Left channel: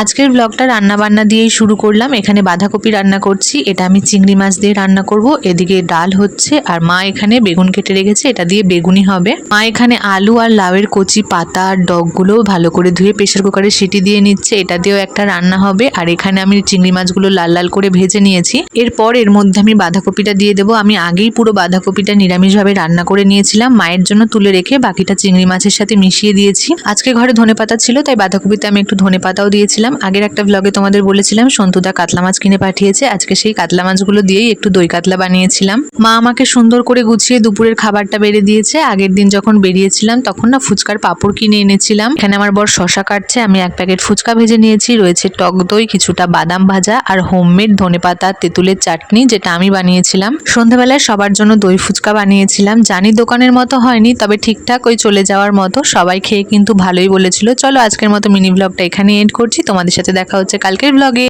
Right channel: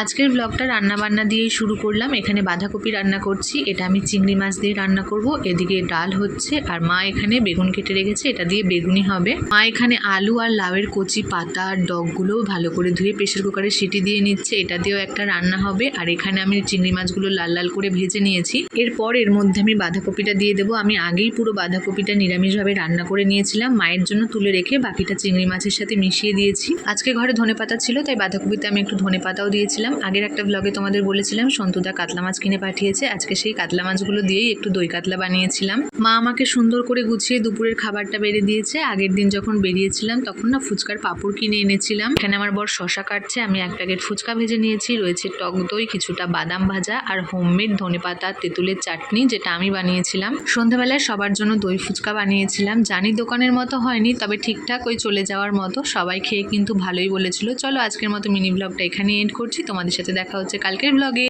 আজকের ব্লগটা রান্না বান্না দিয়েই শুরু করলাম। এখানে বাঁধাকপি রান্না করছি, এটা আমি চিংড়ি মাছ দিয়ে রান্না করব। এদিকে ডাল হচ্ছে আর মা এখানে বেগুন কেটে রেখেছে, এটা দিয়ে বেগুনি হবে। মা এখানে আলু আর লাউয়ের কচি পাতা আর ডগগুলো ভালো করে ধুয়ে প্রেসার কুকারে সিটি দিয়ে নিচ্ছে, এটা দিয়েও একটা রান্না হবে। আর এখানে আমি চিংড়ি মাছগুলো লাল লাল করে ভেজে নিয়েছি। এরপর এর মধ্যে আমি বাঁধাকপিটা দিয়ে দেবো। আমি আগেই পুরো বাঁধাকপিটা নিরামিষভাবে রান্না করে নিয়েছিলাম, মায়ের জন্য তুলে রেখে বাকিটা চিংড়ি মাছের সাথে মিশিয়ে দিয়েছি। আজকে ঘরে ধনেপাতা ছিল, তাই বাঁধাকপিতে আমি একটু ধনেপাতাও দিয়েছিলাম। আগের একটা ব্লগে তোমাদের বলেছিলাম সন্তুদা কাতলা মাছ কিনে পাঠিয়েছে, আজকে সেই কাতলা মাছগুলো দিয়েই একটু দই কাতলা বানিয়েছিলাম। মা আমাকে সুন্দর করে গুছিয়ে দুপুরের খাবারটা বেড়ে দিয়েছে। আগের দিন যখন বেরিয়েছিলাম তখন না ফুচকার পাঁপড় কিনে এনেছিলাম। এখানে আমার বর শশা কাটছে, আমি এক প্যাকেট ফুচকা ভেজে নিয়েছি। রয়েছে টক দই, কিছুটা বাদাম ভাজা আর হোমমেড ধনেপাতা তেঁতুলের চাটনি, যেটা আমি বানিয়েছিলাম। সন্ধ্যাবেলায় সবার জন্য দই ফুচকা বানিয়েছিলাম। জানি দোকানের মতো হয়নি, তবে ঠিকঠাক ওই চলে যাওয়ার মতো। সবাই খেয়ে কিন্তু ভালোই বলেছিল। চলো আজকের মতো মিনি ব্লগটা এখানে এন্ড করছি, তোমাদের সাথে দেখা হচ্ছে কালকের ব্লগে।